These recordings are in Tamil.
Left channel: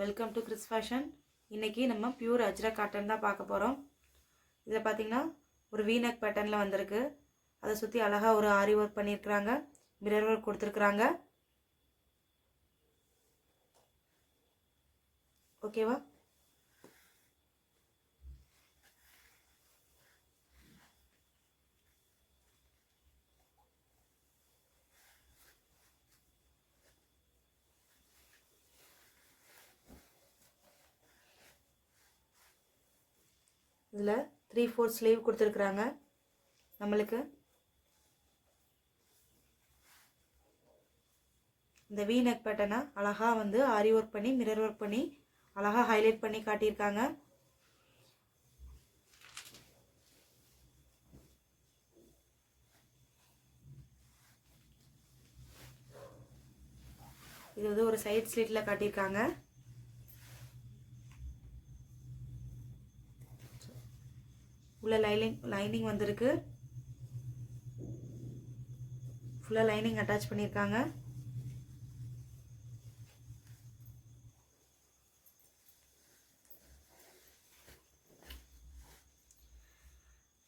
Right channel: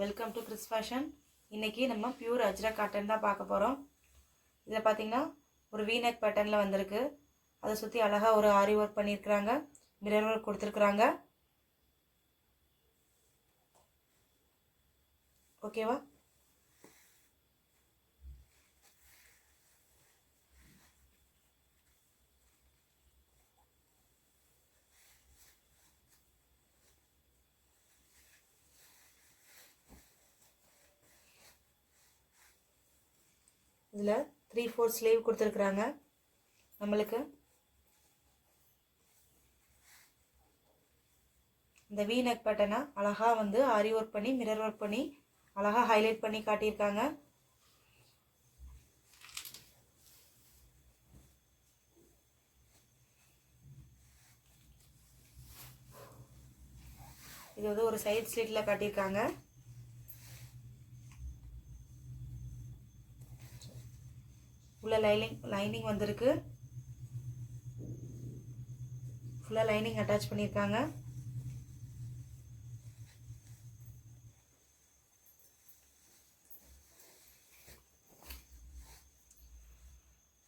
Welcome to Chris fashion. இன்றைக்கி நம்ம பியூர் அஜ்ரக் காட்டன் தான் பார்க்க போகிறோம். இதில் பார்த்திங்கன்னா ஒரு வீநெக் பேட்டர்னில் வந்திருக்கு. அதை சுற்றி அழகாக ஒரு ஆரி ஒர்க் பண்ணியிருக்கிறாங்க, மிரர் ஒர்க் கொடுத்துருக்குறாங்க. ஓகேவா? இதில் 3/4 ஸ்லீவ் கொடுத்துருக்குறாங்க. நம்மளுக்கு இந்த வி நெக் பேட்டர்னை அழகாக வந்து ஆரி ஒர்க் பண்ணி மிரர் ஒர்க் பண்ணி அழகாக ஹைலைட் பண்ணி காட்டியிருக்காங்க. இது வந்து ஒரு சைட் ஸ்லிட்டில் காட்டியிருக்காங்க. உள்ள லைனிங் வந்திருக்கு. ஃபுல்லாக லைனிங் அட்டாச் பண்ணியிருக்காங்க.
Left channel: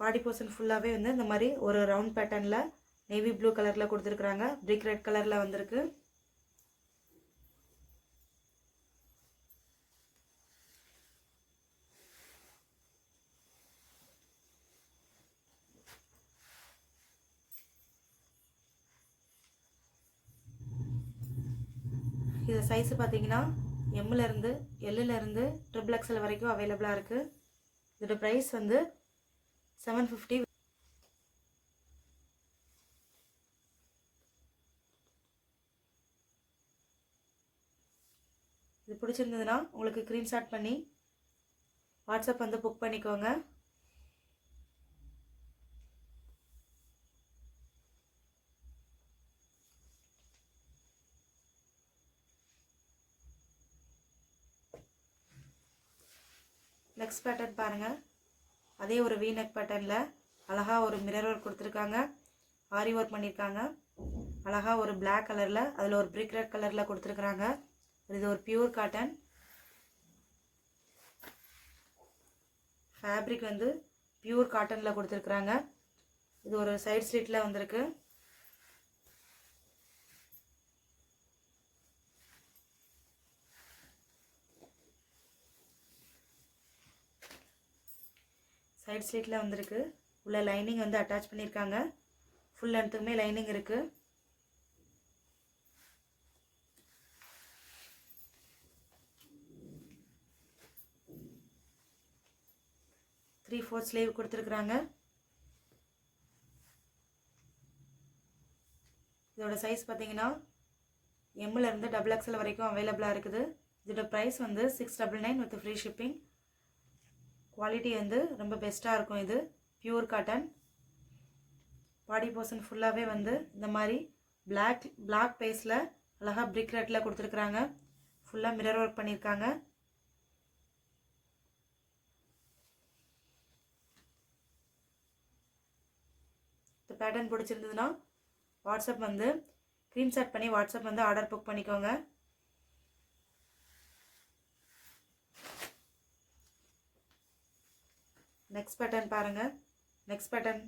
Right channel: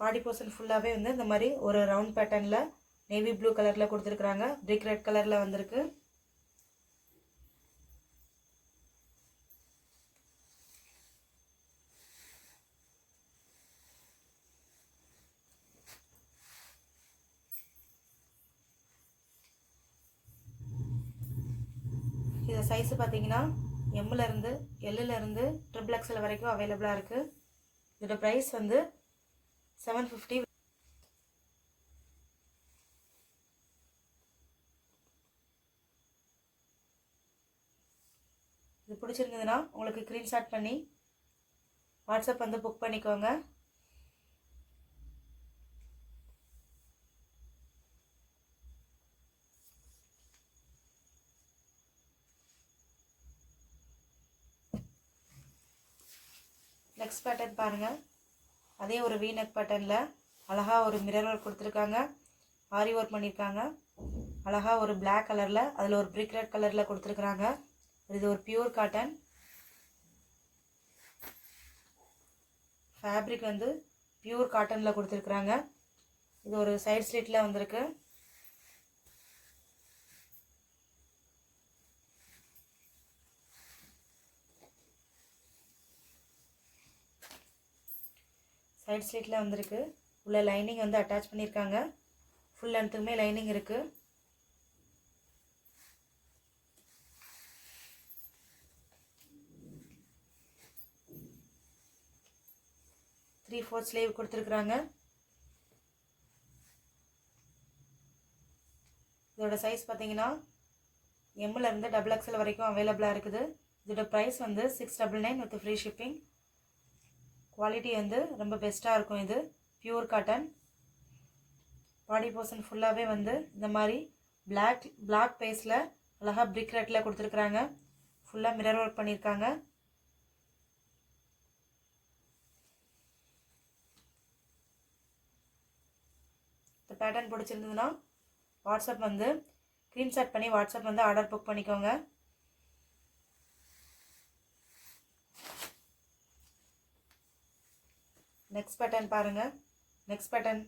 பாடி போர்ஷன் ஃபுல்லாகவே வந்து இந்த மாதிரி ஒரு ரவுண்ட் பேட்டர்னில் நேவி ப்ளூ கலரில் கொடுத்துருக்குறாங்க. பிரிக் ரெட் கலரில் வந்திருக்கு. இது சைஸு பார்த்தீங்கன்னா எம்மிலேருந்து எல்லுலேருந்து XXL வரைக்கும் அவைலபிளாக இருக்குது. இதோட ப்ரைஸ் வந்து 750. இது பிடிச்சிருந்ததுன்னா உங்களுக்கு ஸ்க்ரீன்ஷாட் பண்ணி வாட்ஸ்அப் வந்து புக் பண்ணிக்கோங்க. நெக்ஸ்ட் பேட்டர்ன் பாருங்கள். அதே ஒரு வி நெக் பேட்டர்னில் அழகாக ஒரு மிரர் ஒர்க் கொடுத்துருக்காங்க, ஆரி ஒர்க் பண்ணியிருக்காங்க. அழகாக ஒரு பிளாக் கலரில் அதில் ஒரு பிரிக் ரெட் கலரில் கொடுத்துருக்குறாங்க. இது ஒரு பியூர் காட்டன். ஃபேப்ரிக் வந்து பியூர் காட்டனில் கொடுத்துருக்குறாங்க. இது ஒரு சைட் ஸ்லிட்டில் வந்திருக்கு. சைட் ஸ்லிட்டில் வந்திருக்கு. உள்ள லைனிங் வந்து அட்டாச் பண்ணியிருக்காங்க. ஃபுல் லென்த்துக்குமே லைனிங் இருக்குது. த்ரீ-ஃபோர்த் ஸ்லீவ் கொடுத்துருக்குறாங்க. இதோட சைஸ் பார்த்தீங்கன்னா எம்மிலேருந்து XXL வரைக்கும் அவைலபிளாக இருக்குது. இதோட ப்ரைஸ் வந்து 699 வித் ஃப்ரீ ஷிப்பிங். குவாலிட்டி வந்து ரொம்ப பெஸ்ட்டாக இருக்கும். இது பியூர் காட்டன். பாடி போர்ஷன் ஃபுல்லாகவே வந்து இந்த மாதிரி பிளாக் பேஸில் அழகாக பிரிக் ரெட்டில் கொடுத்துருக்குறாங்க. ஃபுல்லாக மிரர் ஒர்க் பண்ணியிருக்காங்க. இந்த பேட்டர்ன் பிடிச்சிருந்ததுன்னா வாட்ஸ்அப் வந்து ஸ்க்ரீன்ஷாட் பண்ணி வாட்ஸ்அப் வந்து ஆர்டர் புக் பண்ணிக்கோங்க. நெக்ஸ்ட் பேட்டர்ன் பாருங்கள். நெக்ஸ்ட் பேட்டர்ன்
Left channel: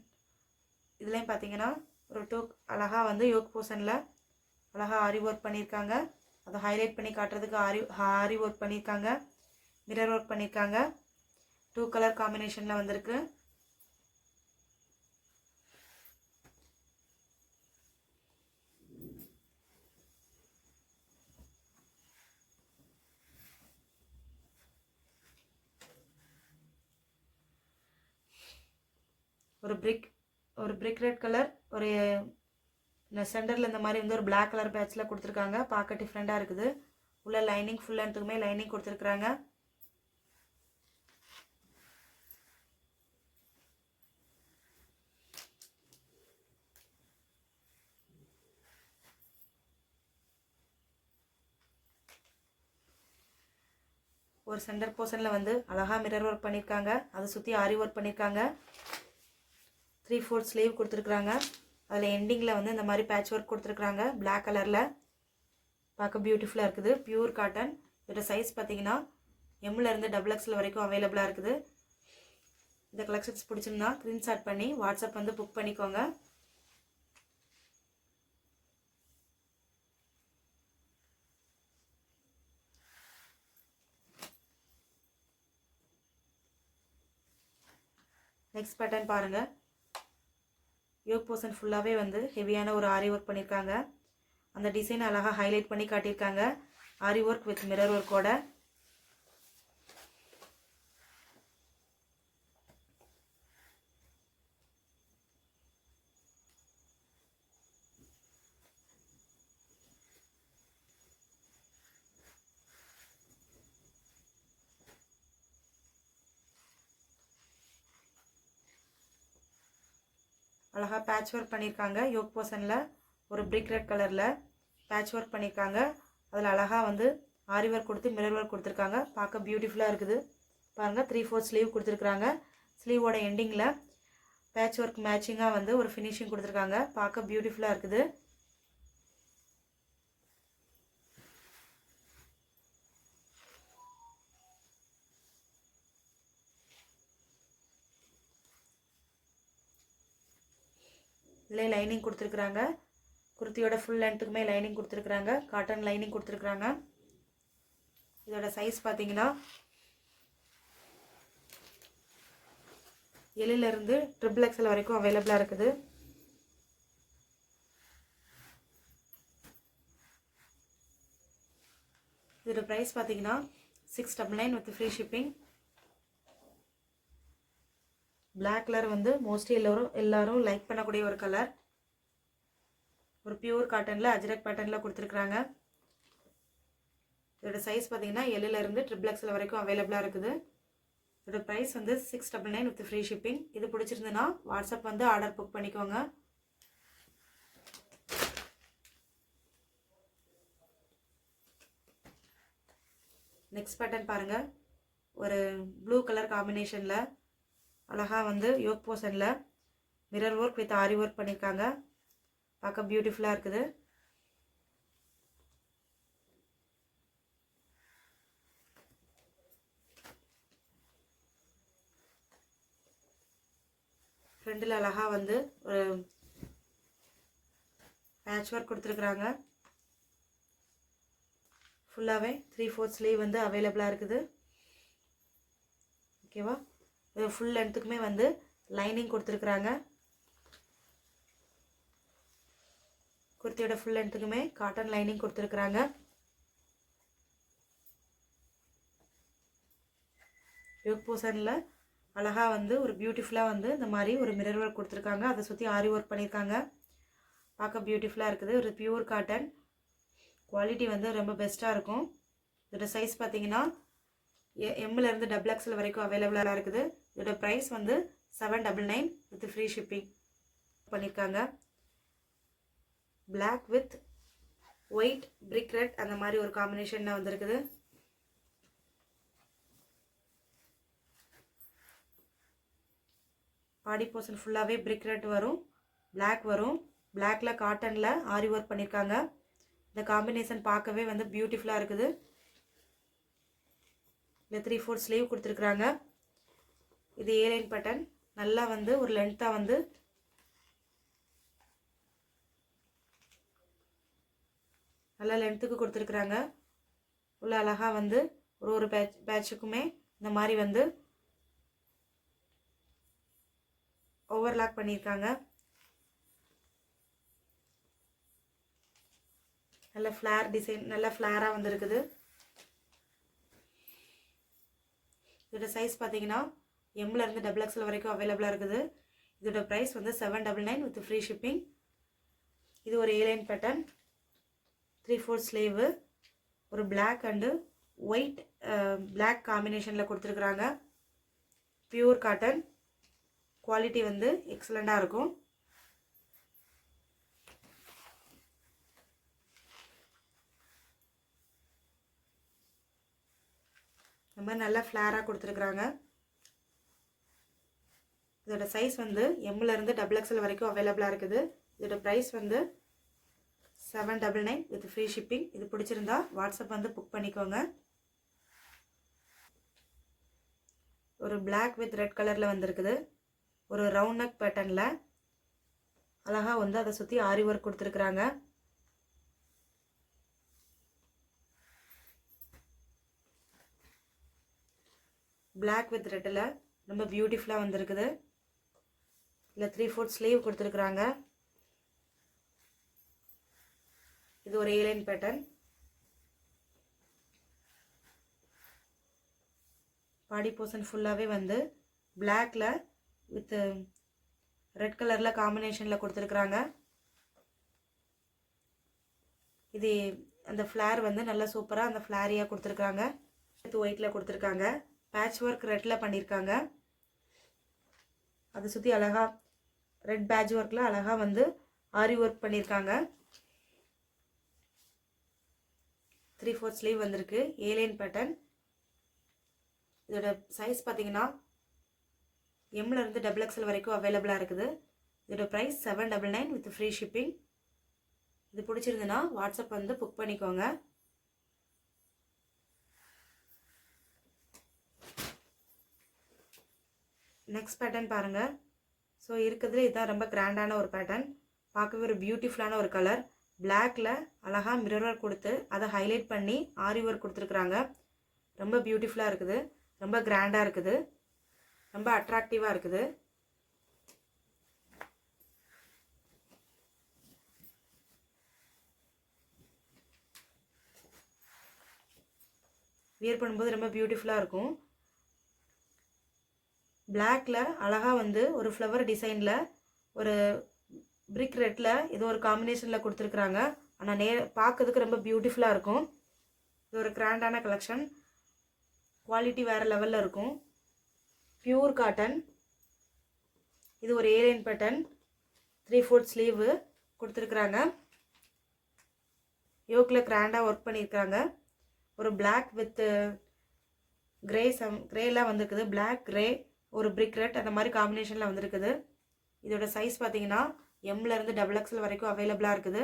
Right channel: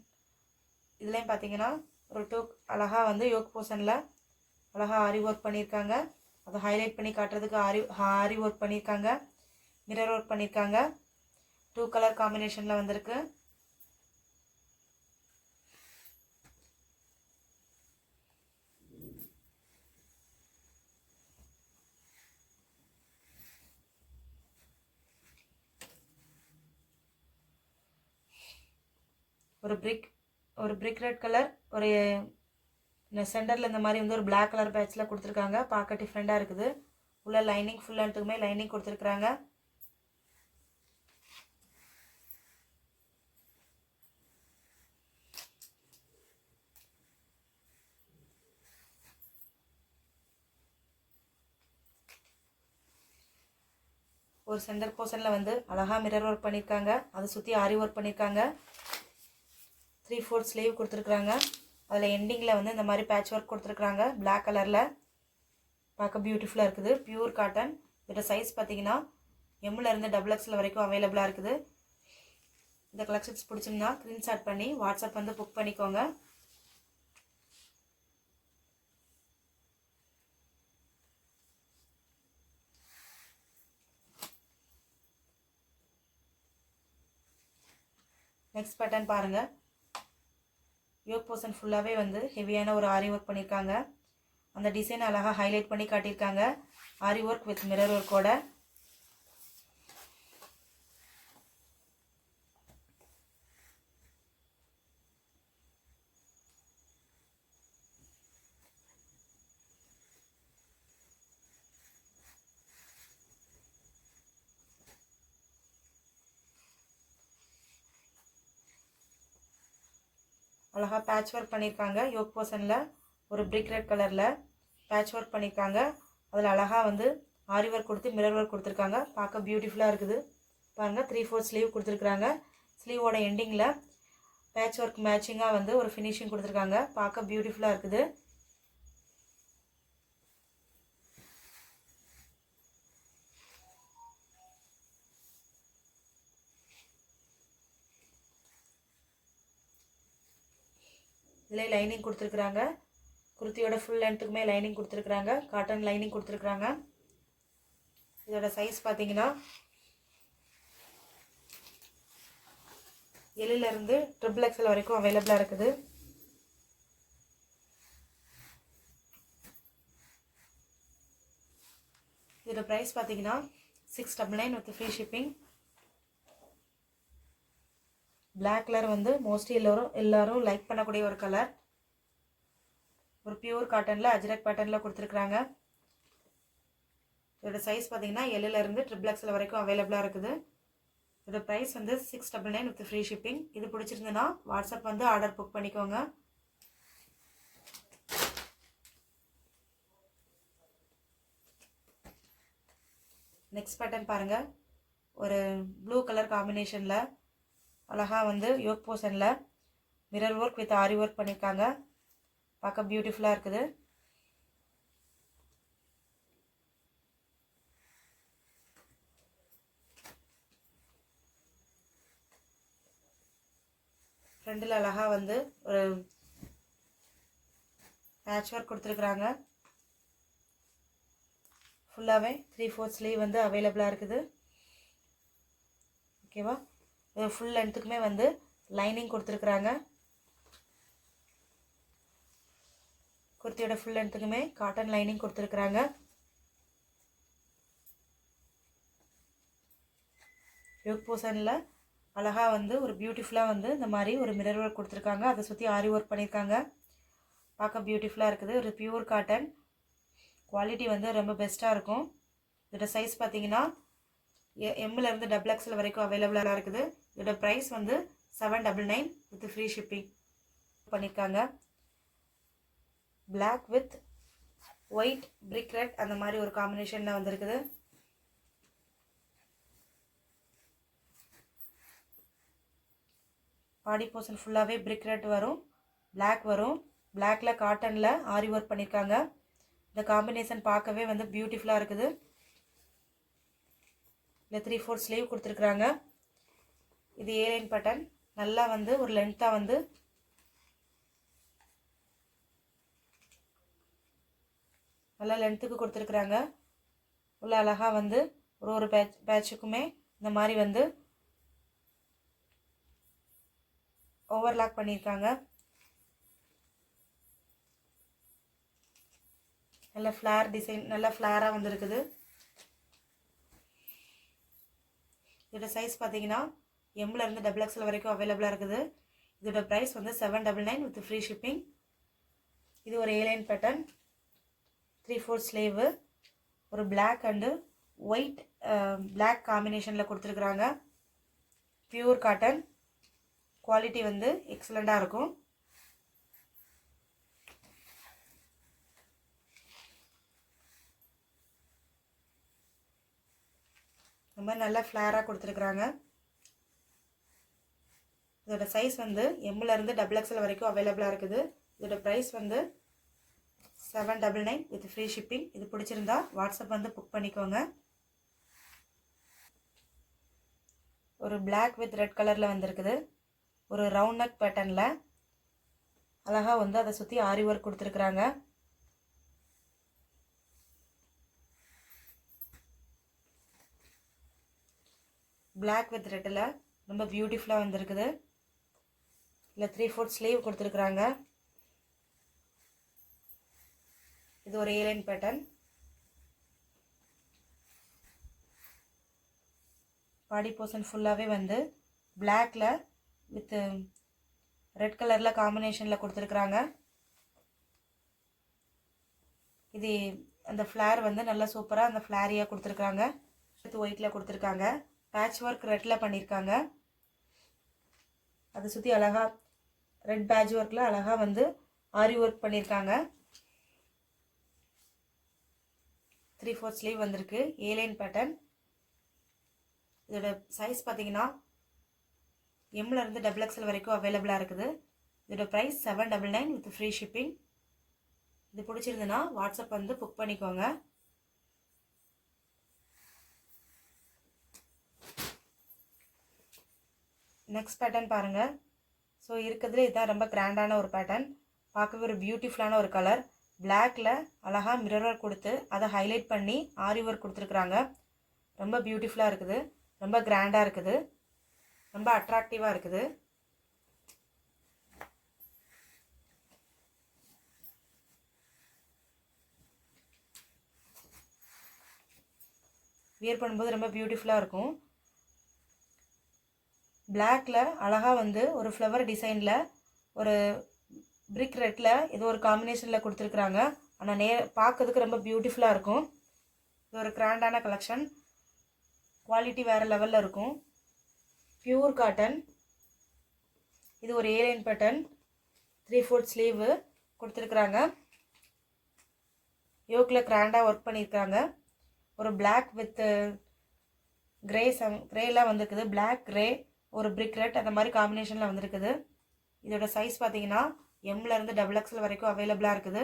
இதுலேயும் பார்த்தீங்கன்னா ஒரு அழகாக வந்து யோக் போர்ஷனில் அழகாக ஆரி ஒர்க் பண்ணியிருக்காங்க. அதை ஹைலைட் பண்ணி காட்டுறதுக்கு ஆரி ஒர்க் பண்ணியிருக்காங்க, மிரர் ஒர்க் பண்ணியிருக்காங்க. 2 கலர் காம்பினேஷனில் வந்திருக்கு. ஒரு பிரிக் ரெட் கலர், ஒரு சென்டரில் இந்த மாதிரி வந்து ஒரு பிளாக் கலர் பேட்சில் கொடுத்துருக்காங்க. பார்க்க டிஃப்ரெண்ட்டாக இருக்குது. உள்ள லைனிங் ஃபுல் லென்த்துக்குமே லைனிங் கொடுத்துருக்குறாங்க. ஒரு சென்டர் போர்ஷனில் வந்து அழகாக மிரர் ஒர்க் பண்ணியிருக்காங்க. அதை சுற்றி ஆரி ஒர்க் பண்ணியிருக்காங்க. 3/4 ஸ்லீவ் கொடுத்துருக்குறாங்க. அதில் எண்டிங்கில் வந்து இந்த மாதிரி பேட்ச் ஒர்க் கொடுத்துருக்குறாங்க பிளாக் கலரில். பார்க்க பியூட்டிஃபுல்லாக இருக்குது. Pure cotton. இதோட சைஸ் பார்த்தீங்கன்னா எம்லேருந்து XXL வரைக்கும் அவைலபிளாக இருக்குது. இந்த கலெக்ஷன்ஸ் பிடிச்சிருந்தா ஸ்க்ரீன்ஷாட் பண்ணி வாட்ஸ்அப் வந்து புக் பண்ணிக்கோங்க. நெக்ஸ்ட் பேட்டர்ன் பாருங்கள். யோக் போர்ஷன் ஃபுல்லாகவே வந்து ஹெவியான ஒரு ஆரி ஒர்க் பண்ணியிருக்காங்க. அந்த டிசைன் அழகாக ஹைலைட் பண்ணி காட்டியிருக்காங்க. ஆரி ஒர்க் வித் மிரர் ஒர்க்கோட. அழகாக பேட்ச் ஒர்க் பண்ணியிருக்காங்க. யோக் போர்ஷனில் ஒரு பிரிக் ரெட் கலரில் பேட்ச் ஒர்க் பண்ணியிருக்காங்க. அதில் அழகாக வந்து ஆரி ஒர்க் கொடுத்து மிரர் ஒர்க் கொடுத்துருக்காங்க. பார்க்க பியூட்டிஃபுல்லாக இருக்குது. பாருங்கள் 3/4 ஸ்லீவ் கொடுத்துருக்குறாங்க. ஸ்லீவோட எண்டிங்கில் பேட்ச் ஒர்க் மேட்சிங்காக வந்து ஒரு ஃபினிஷிங் கொடுத்துருக்காங்க. பார்க்க பியூட்டிஃபுல்லாக இருக்குது. இதில் லைனிங் கொடுத்துருக்குறாங்க. குர்த்தியோட ஃபுல் லென்த்துக்குமே லைனிங் கொடுத்துருக்குறாங்க. காட்டன் லைனிங் கொடுத்துருக்குறாங்க. இதோட சைஸ் பார்த்தீங்கன்னா எல்லிலிருந்து XXL வரைக்கும் அவைலபிளாக இருக்குது. இதோட ப்ரைஸ் பார்த்தீங்கன்னா 699 with free shipping. Black colour வந்து மோஸ்ட்லி எல்லாரும் லைக் பண்ணக்கூடிய ஒரு கலர். ஒரு பியூர் காட்டனில் அஜ்ரக் பேட்டர்னில் கொடுத்துருக்குறாங்க. இதோட சைஸ் பார்த்தீங்கன்னா எல்லிலிருந்து XXL வரைக்கும் அவைலபிளாக இருக்குது. இதோட ப்ரைஸ் வந்து 699 வித் ஃப்ரீ ஷிப்பிங். இது பிடிச்சிருந்துன்னா வாட்ஸ்அப் வந்து ஆர்டர் புக் பண்ணிக்கோங்க. நெக்ஸ்ட் பேட்டர்ன் பாருங்கள். ஒரு ப்ளூ கலர் காம்பினேஷனில் அழகாக வந்து யோக் போர்ஷனில் mirror work with aari work பண்ணியிருக்காங்க. பார்க்க பியூட்டிஃபுல்லாக இருக்குது. ஃப்ரண்டில் அழகாக வந்து ஒரு பேட்ச் ஒர்க் கொடுத்துருக்குறாங்க. ஃபுல்லாகவே 3/4 ஸ்லீவ் வந்து அவைலபிளாக இருக்குது. ஓகேவா? இது ஃபுல் லென்த்துக்குமே வந்து லைனிங் கொடுத்துருக்குறாங்க. குர்த்தியோட ஃபுல் லென்த்துக்குமே காட்டன் லைனிங் கொடுத்துருக்குறாங்க. யோக் போர்ஷனில் அழகாக வந்து ஒரு பியூட்டிஃபுல்லாக வந்து இந்த மாதிரி ஒரு மிரர் ஒர்க் கொடுத்துருக்காங்க. அதை சுற்றி ஆரி ஒர்க் பண்ணியிருக்காங்க. பார்க்க பியூட்டிஃபுல்லாக இருக்குது. ஒரு பியூர் காட்டன் குவாலிட்டி வந்து ரொம்ப பெஸ்ட்டாக இருக்கும். இதோட சைஸ் பார்த்தீங்கன்னா எம்லேருந்து XXL வரைக்கும் அவைலபிளாக இருக்குது. இதோட ப்ரைஸ் வந்து 799 வித் ஃப்ரீ ஷிப்பிங் பண்ணியிருக்காங்க. Black with white brick red அந்த மாதிரி ஒரு காம்பினேஷனில் வந்துருக்குது. பாடி போர்ஷன் ஃபுல்லாகவே பிரிக் ரெட் வரும், பிளாக் வரும். பிளாக்ல காட்டனில் ஆரி ஒர்க் பண்ணியிருக்காங்க. இந்த காம்பினேஷன் பார்க்கவே வந்து பியூட்டிஃபுல்லாக இருக்குது. இல்லை 3/4 ஸ்லீவ் கொடுத்துருக்குறாங்க. இது ஏலைன் பேட்டர்ன். நல்லா வந்து ஒரு லென்த்தாக வந்து நல்லா லென்த்துக்கு கொடுத்துருக்குறாங்க. உள்ள அழகாக வந்து ஒரு பேட்சுக்குமே இந்த மாதிரி வந்து ஓவர்லாக் பண்ணியிருக்காங்க. நல்ல ஃப்ளேர் டிசைன், நல்ல ஃப்ளேராக வந்துருக்குது. இதோட சைஸ் பார்த்தீங்கன்னா எம்லேருந்து XXL வரைக்கும் அவைலபிளாக இருக்குது. இதோட ப்ரைஸ் வந்து 799 வித் ஃப்ரீ ஷிப்பிங். இது ஒரு ஏலைன் பேட்டர்ன், 3/4 ஸ்லீவு, ஒரு பிளாக் அண்டு ஒயிட் பிளாக் காம்பினேஷனில் கொடுத்துருக்குறாங்க. பியூர் காட்டன் குவாலிட்டி வந்து எக்ஸலண்ட்டாக இருக்கும். இந்த மாதிரி நல்லா ஃப்ளேராக கொடுத்துருக்குறாங்க. இதோட சைஸ் வந்து எம்லேருந்து XXL வரைக்கும் அவைலபிளாக இருக்குது. இதோட ப்ரைஸ் வந்து 799 வித் ஃப்ரீ ஷிப்பிங். இது பிடிச்சிருந்தா வாட்ஸ்அப் வந்து புக் பண்ணிக்கோங்க. ஒரு பிளாக் வித் ரெட் கலரில் வந்திருக்குது. ஒரு ரவுண்ட் நெக் பேட்டர்னில் அழகாக வந்து அதை சுற்றி ஆரி ஒர்க் கொடுத்துருக்குறாங்க. பிளாக் வித் ரெட்டில் ரொம்ப பியூட்டிஃபுல்லாக வந்திருக்குது. இல்லை 3/4 ஸ்லீவ் கொடுத்துருக்குறாங்க. இது ஒரு ஏலைன் பேட்டர்ன். பாடி போர்ஷன் ஃபுல்லாகவே வந்து பிளாக்ல வித் ரெட் கலரில் காம்பினேஷனில் கொடுத்துருக்குறாங்க. இது அந்த ஃப்ளேர் வந்து நல்லா சூப்பராக அந்த ஃப்ளேரியாக கொடுத்துருக்காங்க. வித் ஒயிட்டில் கொடுத்துருக்காங்க. பேட்ச் ஒர்க் ரெட்டில் பண்ணியிருக்காங்க. அதை சுற்றி அழகாக ரெட் பேட்ச் ஒர்க்கில் அழகாக வந்து ஆரி ஒர்க் பண்ணியிருக்காங்க. 3/4 ஸ்லீவ் வந்திருக்கு. Airline pattern. இதோட சைஸ் பார்த்தீங்கன்னா எம்லேருந்து XXL வரைக்கும் அவைலபிளாக இருக்குது. இதோட ப்ரைஸ் 799 வித் ஃப்ரீ ஷிப்பிங். இது பிடிச்சிருந்துன்னா வாட்ஸ்அப் வந்து புக் பண்ணிக்கோங்க. நெக்ஸ்ட் பேட்டர்ன் பாருங்கள். ஸோ இருக்கிறதுல இதுதான் ரொம்ப கிராண்டான ஒரு பேட்டர்ன். பார்க்கவே ஒரு பியூட்டிஃபுல்லான ஒரு கலர். பிளாக்ல அழகாக மிரர் ஒர்க் கொடுத்து அதை ஹைலைட் பண்ணி ஆரி ஒர்க் கொடுத்துருக்குறாங்க. ரொம்ப பியூட்டிஃபுல்லாக இருக்குது. ரொம்ப கிராண்டாக இருக்குது. ரொம்ப அட்ராக்டிவாக இருக்குது. வியர் பண்ணும்போது ரொம்ப பியூட்டிஃபுல்லாக இருக்கும். பிளாக்ல அழகாக வந்து ஒரு ஃப்ளவர் டிசைனில் ஒரு பிரிக் ரெட்டில் இது ஒரு காம்பினேஷனில் கொடுத்துருக்குறாங்க. ஆனால் பார்க்கறதுக்கு ரொம்ப பியூட்டிஃபுல்லாக இருக்கும். இது ஒரு கிராண்டான கலெக்ஷன். குவாலிட்டி வேறு லெவலில் இருக்கும். Pure cotton. இது ஒரு ஏலைன் பேட்டர்ன். 3/4 ஸ்லீவு கொடுத்துருக்குறாங்க. யோக்கில் கிராண்டாக ஒர்க் பண்ணியிருக்காங்க. ஒரு பிளாக் வித் கிரேலாம் வந்துருக்குது. பிளாக் கிரே ஒரு பிரிக் ரெட் அந்த மாதிரி காம்பினேஷனில் வந்துருக்குது. இதோட சைஸ் பார்த்தீங்கன்னா எம்லேருந்து XXL வரைக்கும் அவைலபிளாக இருக்குது.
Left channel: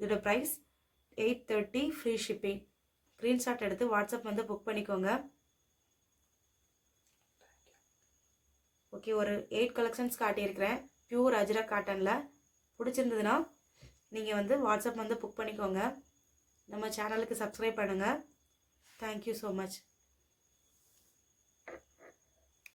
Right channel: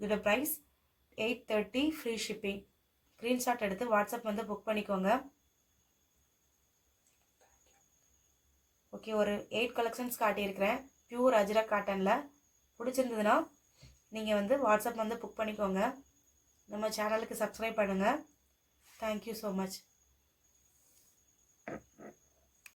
இதோட ப்ரைஸ் 830 ஃப்ரீ ஷிப்பிங். ஸ்க்ரீன்ஷாட் எடுத்து வாட்ஸ்அப் வந்து புக் பண்ணிக்கோங்க. ஓகே, ஒரு 8 கலெக்ஷன்ஸ் காட்டியிருக்கிறேன் பியூர் அஜ்ரக் காட்டனில். பிடிச்சிருந்ததுன்னா நீங்கள் வந்து வாட்ஸ்அப் வந்து புக் பண்ணிக்கோங்க. நம்ம சேனலுக்கு சப்ஸ்கிரைப் பண்ணுங்கள். Thank you so much.